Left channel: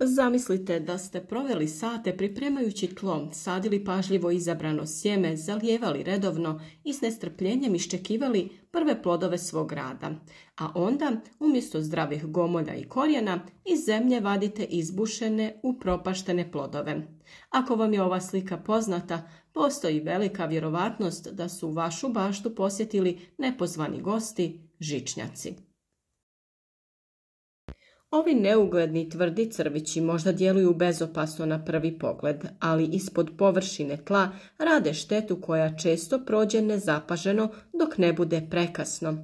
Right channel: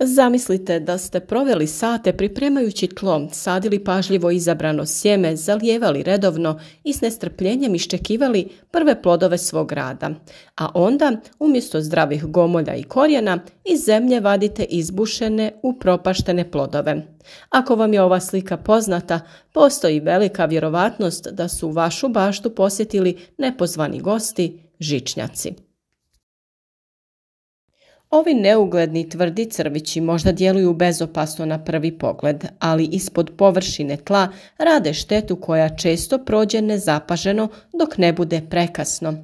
Zamislite da ste proveli sate pripremajući tlo, sadili pažljivo izabrano sjeme, zalijevali redovno i s nestrpljenjem iščekivali prve plodove svog rada. A onda, umjesto zdravih gomolja i korijena, iz zemlje vadite izbušene, upropaštene plodove. Ako vam je ova slika poznata, postoji velika vjerovatnost da su vašu baštu posjetili nepozvani gosti, žičnjaci. Ovi neugledni tvrdi crvići možda djeluju bezopasno na prvi pogled, ali ispod površine tla rade štetu koja često prođe nezapaženo dok ne bude prekasno.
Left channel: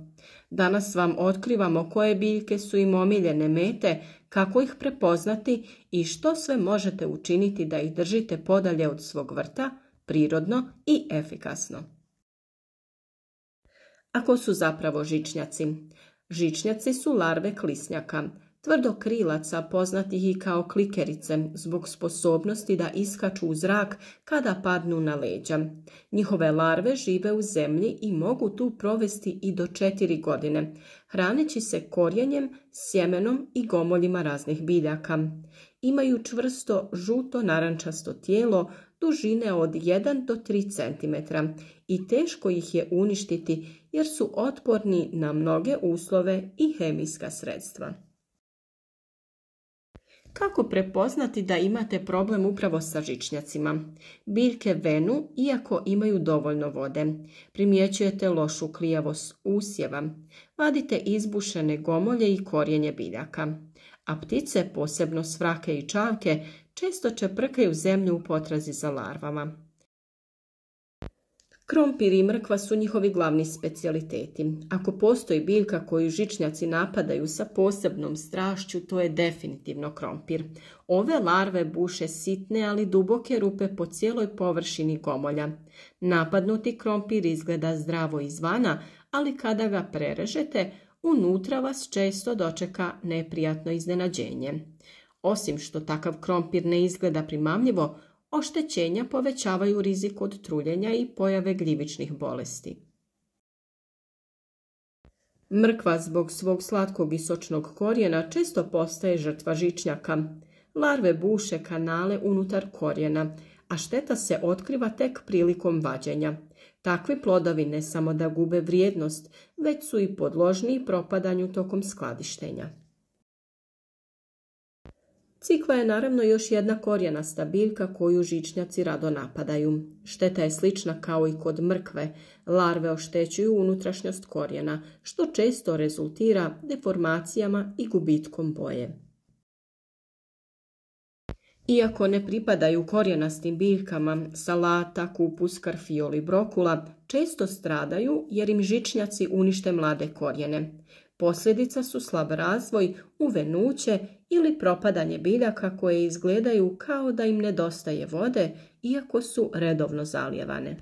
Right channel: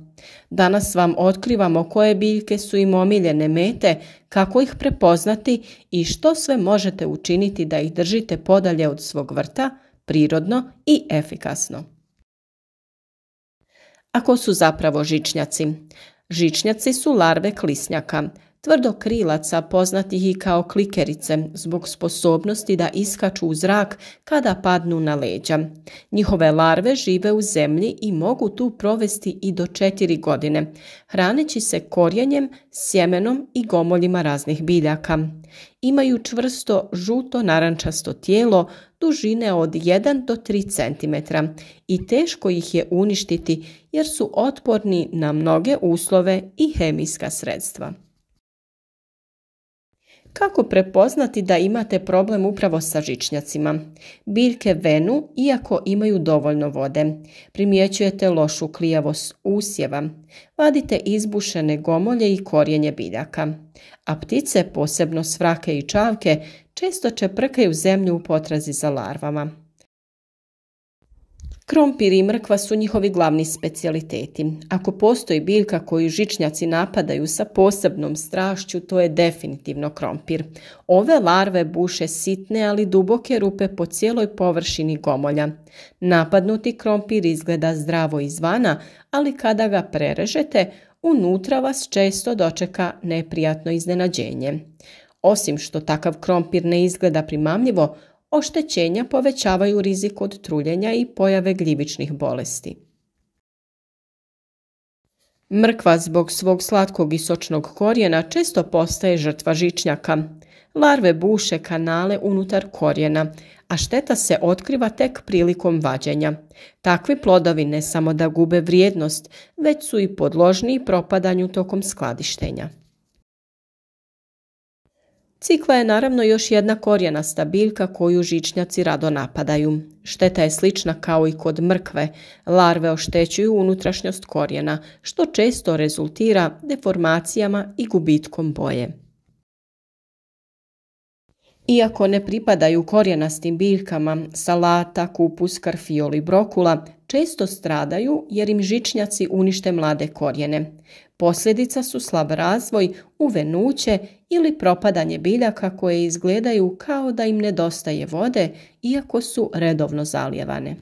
Danas vam otkrivamo koje biljke su im omiljene mete, kako ih prepoznati i što sve možete učiniti da ih držite podalje od svog vrta, prirodno i efikasno. Ako su zapravo žičnjaci? Žičnjaci su larve klisnjaka, tvrdokrilaca poznatih i kao klikerice zbog sposobnosti da iskaču u zrak kada padnu na leđa. Njihove larve žive u zemlji i mogu tu provesti i do 4 godine, hraneći se korijenjem, sjemenom i gomoljima raznih biljaka. Imaju čvrsto žuto-narančasto tijelo dužine od 1 do 3 cm i teško ih je uništiti jer su otporni na mnoge uslove i hemijska sredstva. Kako prepoznati da imate problem upravo sa žičnjacima? Biljke venu iako imaju dovoljno vode. Primjećujete lošu klijavost usjeva. Vadite izbušene gomolje i korijenje biljaka. A ptice, posebno svrake i čavke, često čeprkaju zemlju u potrazi za larvama. Krompir i mrkva su njihovi glavni specijaliteti. Ako postoji biljka koju žičnjaci napadaju sa posebnom strašću, to je definitivno krompir. Ove larve buše sitne, ali duboke rupe po cijeloj površini gomolja. Napadnuti krompir izgleda zdravo izvana, ali kada ga prerežete, unutra vas često dočeka neprijatno iznenađenje. Osim što takav krompir ne izgleda primamljivo, oštećenja povećavaju rizik od truljenja i pojave gljivičnih bolesti. Mrkva zbog svog slatkog i sočnog korijena često postaje žrtva žičnjaka. Larve buše kanale unutar korijena, a šteta se otkriva tek prilikom vađenja. Takvi plodovi ne samo da gube vrijednost, već su i podložniji propadanju tokom skladištenja. Cikla je naravno još jedna korijenasta biljka koju žičnjaci rado napadaju. Šteta je slična kao i kod mrkve. Larve oštećuju unutrašnjost korijena, što često rezultira deformacijama i gubitkom boje. Iako ne pripadaju korijenastim biljkama, salata, kupus, karfiol i brokula često stradaju jer im žičnjaci unište mlade korijene. Posljedica su slab razvoj, uvenuće ili propadanje biljaka koje izgledaju kao da im nedostaje vode, iako su redovno zalijevane.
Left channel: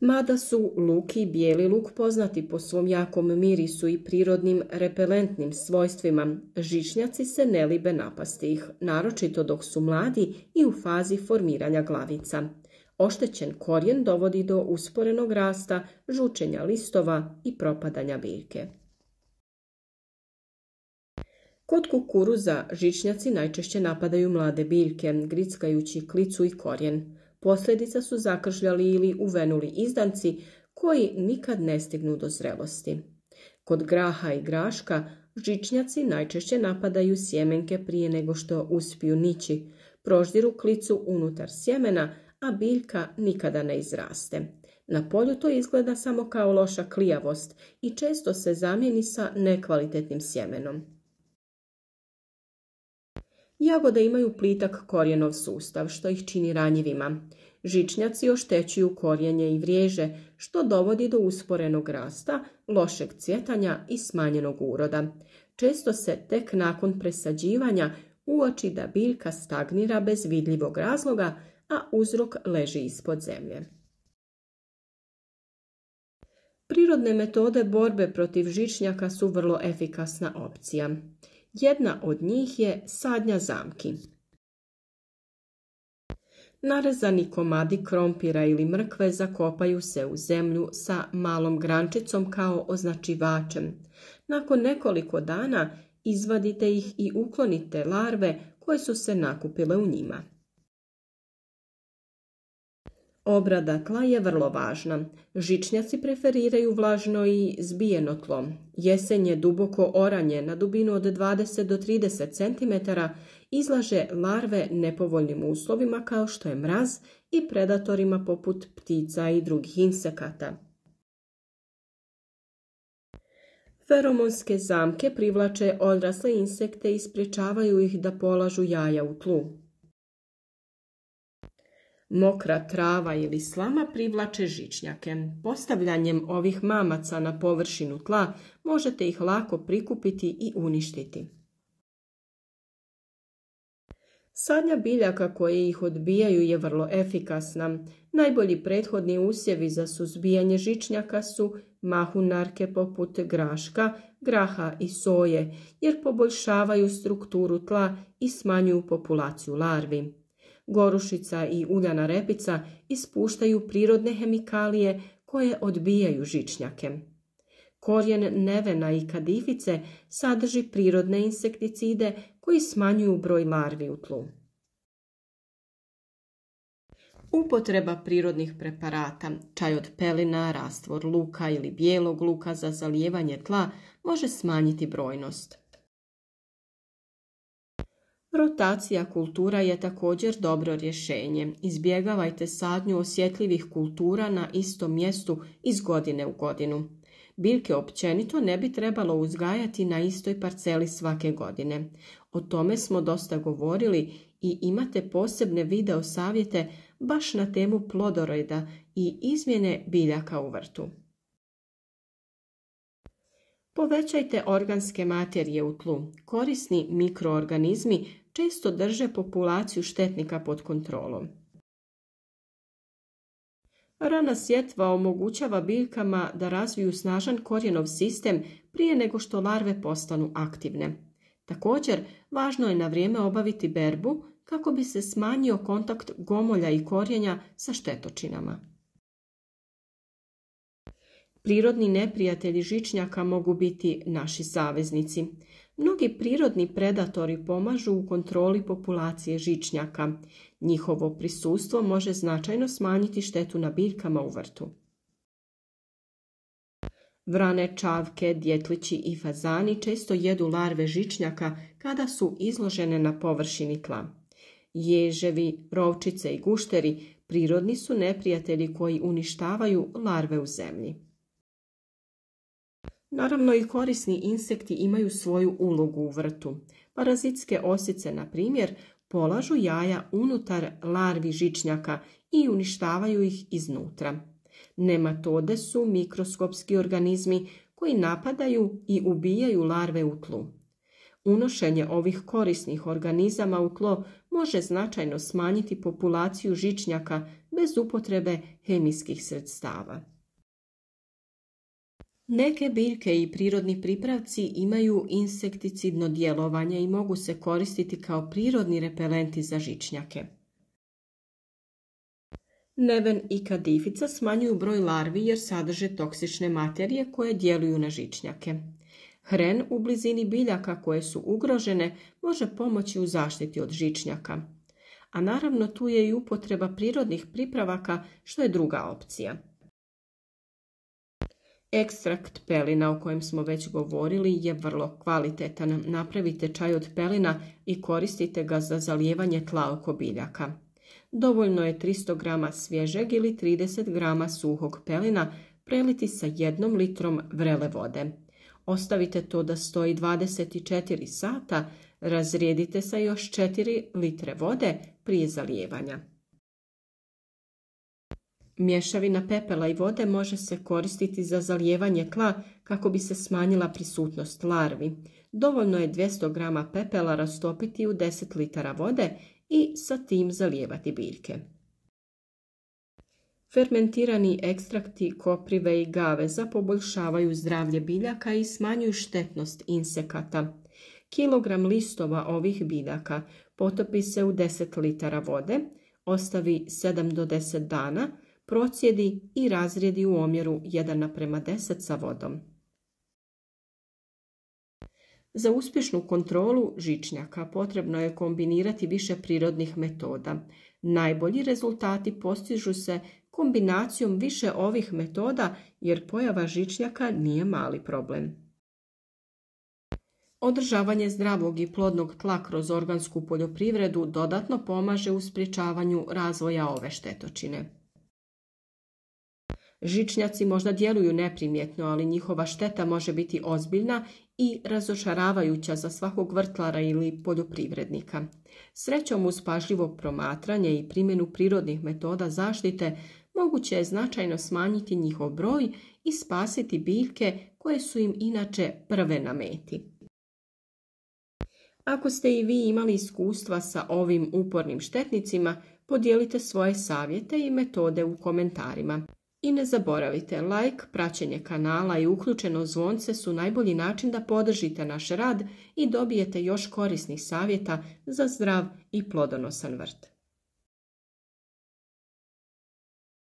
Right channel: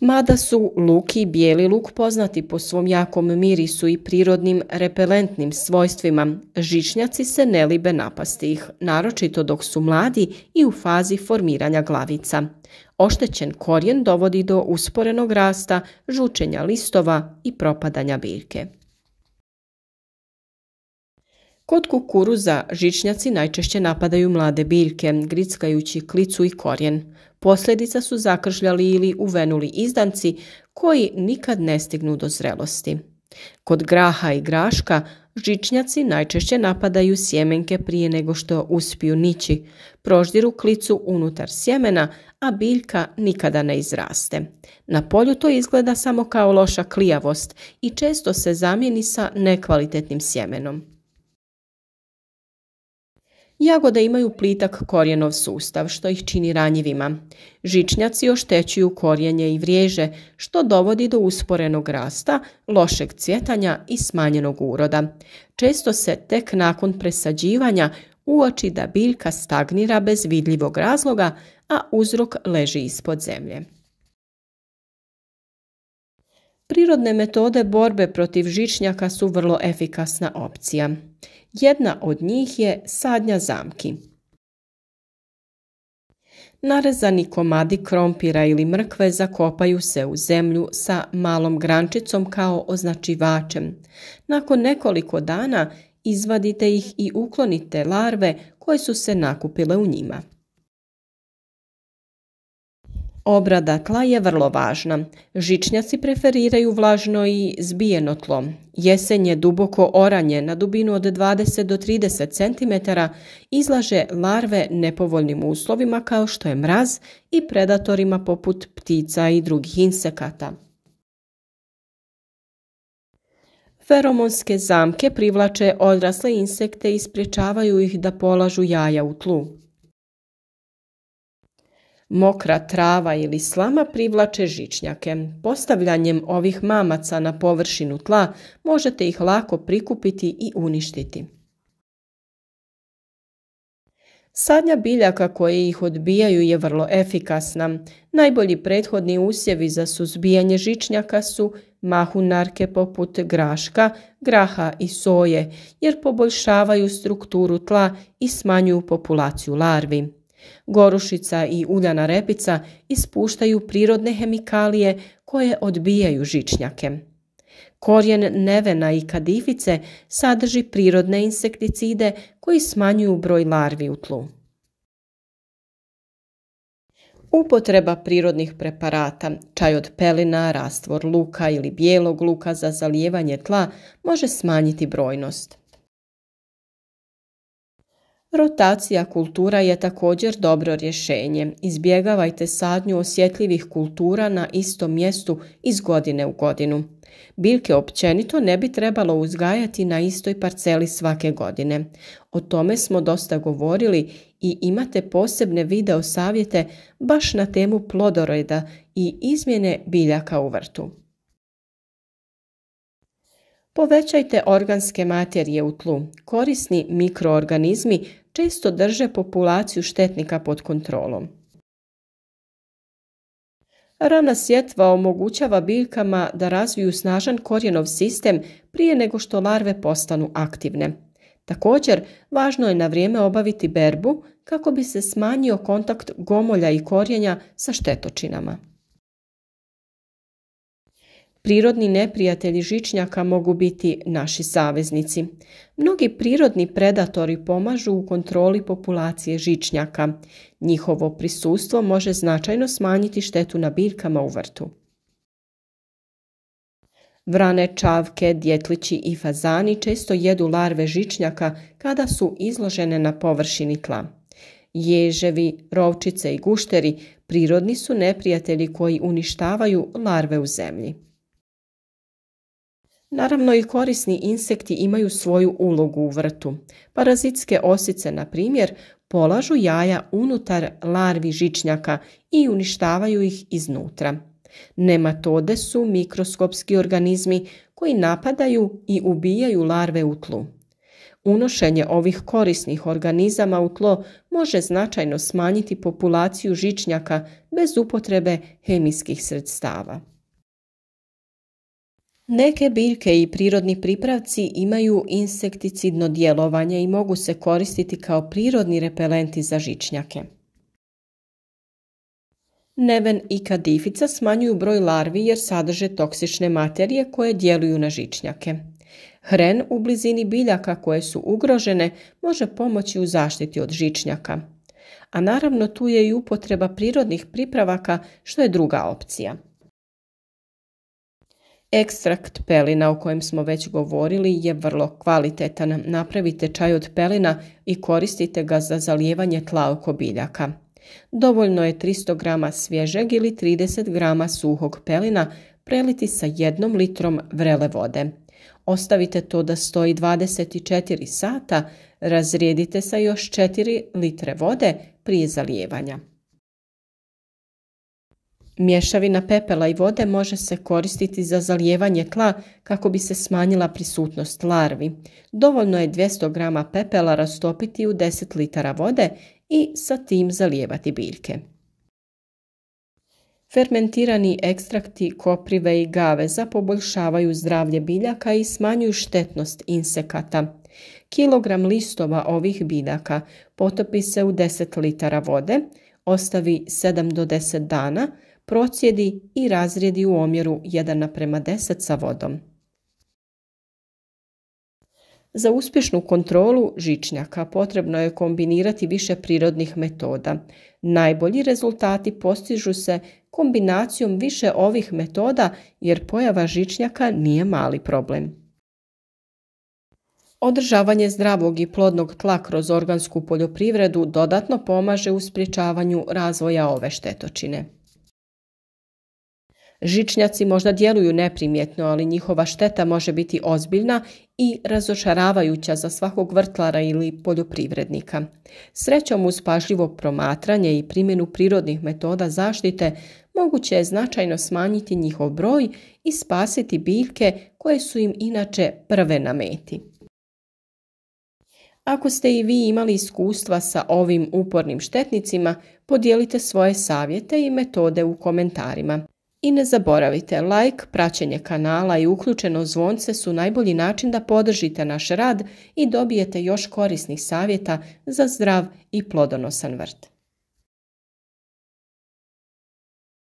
Mada su luk i bijeli luk poznati po svom jakom mirisu i prirodnim repelentnim svojstvima, žičnjaci se ne libe napasti ih, naročito dok su mladi i u fazi formiranja glavica. Oštećen korijen dovodi do usporenog rasta, žučenja listova i propadanja biljke. Kod kukuruza žičnjaci najčešće napadaju mlade biljke, grickajući klicu i korijen. Posljedica su zakržljali ili uvenuli izdanci koji nikad ne stignu do zrelosti. Kod graha i graška žičnjaci najčešće napadaju sjemenke prije nego što uspiju nići, proždiru klicu unutar sjemena, a biljka nikada ne izraste. Na polju to izgleda samo kao loša klijavost i često se zamijeni sa nekvalitetnim sjemenom. Jagode imaju plitak korijenov sustav, što ih čini ranjivima. Žičnjaci oštećuju korijenje i vriježe, što dovodi do usporenog rasta, lošeg cvjetanja i smanjenog uroda. Često se tek nakon presađivanja uoči da biljka stagnira bez vidljivog razloga, a uzrok leži ispod zemlje. Prirodne metode borbe protiv žičnjaka su vrlo efikasna opcija. Jedna od njih je sadnja zamki. Narezani komadi krompira ili mrkve zakopaju se u zemlju sa malom grančicom kao označivačem. Nakon nekoliko dana izvadite ih i uklonite larve koje su se nakupile u njima. Obrada tla je vrlo važna. Žičnjaci preferiraju vlažno i zbijeno tlo. Jesen je duboko oranje na dubinu od 20 do 30 cm izlaže larve nepovoljnim uslovima kao što je mraz i predatorima poput ptica i drugih insekata. Feromonske zamke privlače odrasle insekte i sprječavaju ih da polažu jaja u tlu. Mokra trava ili slama privlače žičnjake. Postavljanjem ovih mamaca na površinu tla možete ih lako prikupiti i uništiti. Sadnja biljaka koje ih odbijaju je vrlo efikasna. Najbolji prethodni usjevi za suzbijanje žičnjaka su mahunarke poput graška, graha i soje, jer poboljšavaju strukturu tla i smanjuju populaciju larvi. Gorušica i uljana repica ispuštaju prirodne hemikalije koje odbijaju žičnjake. Korijen nevena i kadifice sadrži prirodne insekticide koji smanjuju broj larvi u tlu. Upotreba prirodnih preparata, čaj od pelina, rastvor luka ili bijelog luka za zalijevanje tla može smanjiti brojnost. Rotacija kultura je također dobro rješenje. Izbjegavajte sadnju osjetljivih kultura na istom mjestu iz godine u godinu. Biljke općenito ne bi trebalo uzgajati na istoj parceli svake godine. O tome smo dosta govorili i imate posebne video savjete baš na temu plodoreda i izmjene biljaka u vrtu. Povećajte organske materije u tlu. Korisni mikroorganizmi često drže populaciju štetnika pod kontrolom. Rana sjetva omogućava biljkama da razviju snažan korijenov sistem prije nego što larve postanu aktivne. Također, važno je na vrijeme obaviti berbu kako bi se smanjio kontakt gomolja i korijenja sa štetočinama. Prirodni neprijatelji žičnjaka mogu biti naši saveznici. Mnogi prirodni predatori pomažu u kontroli populacije žičnjaka. Njihovo prisustvo može značajno smanjiti štetu na biljkama u vrtu. Vrane, čavke, djetlići i fazani često jedu larve žičnjaka kada su izložene na površini tla. Ježevi, rovčice i gušteri prirodni su neprijatelji koji uništavaju larve u zemlji. Naravno i korisni insekti imaju svoju ulogu u vrtu. Parazitske osice, na primjer, polažu jaja unutar larvi žičnjaka i uništavaju ih iznutra. Nematode su mikroskopski organizmi koji napadaju i ubijaju larve u tlu. Unošenje ovih korisnih organizama u tlo može značajno smanjiti populaciju žičnjaka bez upotrebe hemijskih sredstava. Neke biljke i prirodni pripravci imaju insekticidno djelovanje i mogu se koristiti kao prirodni repelenti za žičnjake. Neven i kadifica smanjuju broj larvi jer sadrže toksične materije koje djeluju na žičnjake. Hren u blizini biljaka koje su ugrožene može pomoći u zaštiti od žičnjaka. A naravno tu je i upotreba prirodnih pripravaka što je druga opcija. Ekstrakt pelina o kojem smo već govorili je vrlo kvalitetan. Napravite čaj od pelina i koristite ga za zalijevanje tla oko biljaka. Dovoljno je 300 g svježeg ili 30 g suhog pelina preliti sa 1 litrom vrele vode. Ostavite to da stoji 24 sata, razrijedite sa još 4 litre vode prije zalijevanja. Mješavina pepela i vode može se koristiti za zalijevanje tla kako bi se smanjila prisutnost larvi. Dovoljno je 200 g pepela rastopiti u 10 litara vode i sa tim zalijevati biljke. Fermentirani ekstrakti koprive i gaveza poboljšavaju zdravlje biljaka i smanjuju štetnost insekata. Kilogram listova ovih biljaka potopi se u 10 litara vode, ostavi 7 do 10 dana, procijedi i razrijedi u omjeru 1:10 sa vodom. Za uspješnu kontrolu žičnjaka potrebno je kombinirati više prirodnih metoda. Najbolji rezultati postižu se kombinacijom više ovih metoda jer pojava žičnjaka nije mali problem. Održavanje zdravog i plodnog tla kroz organsku poljoprivredu dodatno pomaže u sprječavanju razvoja ove štetočine. Žičnjaci možda djeluju neprimjetno, ali njihova šteta može biti ozbiljna i razočaravajuća za svakog vrtlara ili poljoprivrednika. Srećom, uz pažljivo promatranje i primjenu prirodnih metoda zaštite moguće je značajno smanjiti njihov broj i spasiti biljke koje su im inače prve na meti. Ako ste i vi imali iskustva sa ovim upornim štetnicima, podijelite svoje savjete i metode u komentarima. I ne zaboravite, like, praćenje kanala i uključeno zvonce su najbolji način da podržite naš rad i dobijete još korisnih savjeta za zdrav i plodonosan vrt.